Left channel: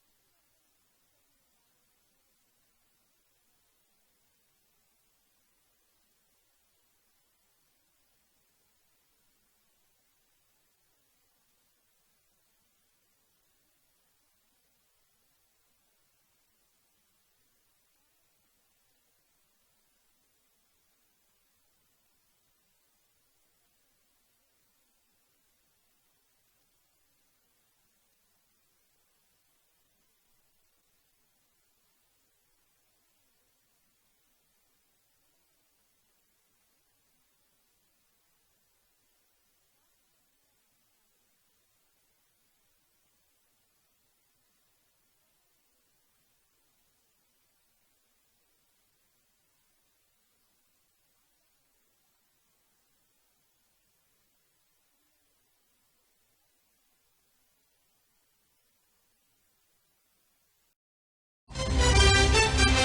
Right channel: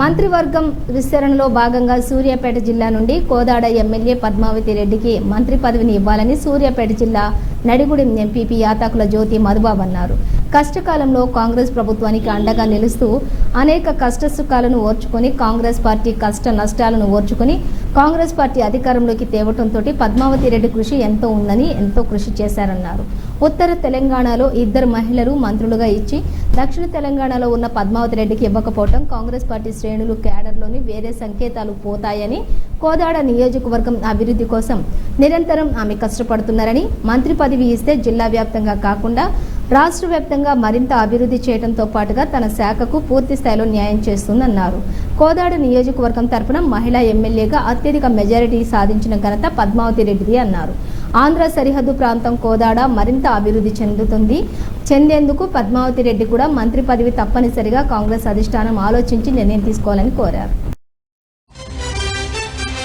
మంత్రివర్గం విస్తరణలో భాగంగా సూర్యాపేట జిల్లా నుండి కోదాడ ఎమ్మెల్యే పద్మావతి రెడ్డికి మంత్రి పదవిని ఇవ్వాలని సూర్యాపేట జిల్లా నడిగుడి ఎంపీపీ యాతాకుల జ్యోతి మధుబాబు అన్నారు. కష్టకాలంలో కాంగ్రెస్ ప్రభుత్వానికి అండగా నిలుస్తూ అనేక కష్టసుఖాలను ఓర్చుకొని కాంగ్రెస్ పార్టీ కష్ట నష్టాలను ఓర్చుకొని కాంగ్రెస్ పార్టీ అధికారంలోకి తేవటంతో పద్మావతి రెడ్డి కృషి ఎంతో కృషి చేశారన్నారు. ఉత్తర తెలంగాణలో 2 మహిళలు మంత్రులుగా ఇచ్చి దక్షిణ తెలంగాణలో ఉన్న పద్మావతి రెడ్డికి ఇవ్వకపోవడం కాంగ్రెస్ పార్టీ శ్రేణులు క్యాడర్లోని వేరే సంకేతాలు పోతాయని, కోదాడ నియోజకవర్గం అభివృద్ధి కోసం నిరంతరం ఆమె కష్టపడుతున్నారని, మంత్రి పదవి ఇస్తే జిల్లా వ్యాప్తంగా కాకుండా రాష్ట్ర వ్యాప్తంగా మరింత అభివృద్ధి చేయడంతో పాటుగా తన శాఖకు పూర్తి స్థాయిలో న్యాయం చేస్తుందన్నారు. కోదాడ నియోజకవర్గం తరపున మహిళా ఎమ్మెల్యేగా అత్యధిక మెజారిటీ సాధించిన ఘనత పద్మావతి రెడ్డిది అన్నారు. ఆంధ్ర సరిహద్దు ప్రాంతం కోదాడ మరింత అభివృద్ధి చెందేందుకు పద్మావతి రెడ్డి కూడా మంత్రి పదవి తప్పనిసరిగా కాంగ్రెస్ అధిష్టానం ఆలోచించి నిర్ణయం తీసుకోవాలని కోరారు.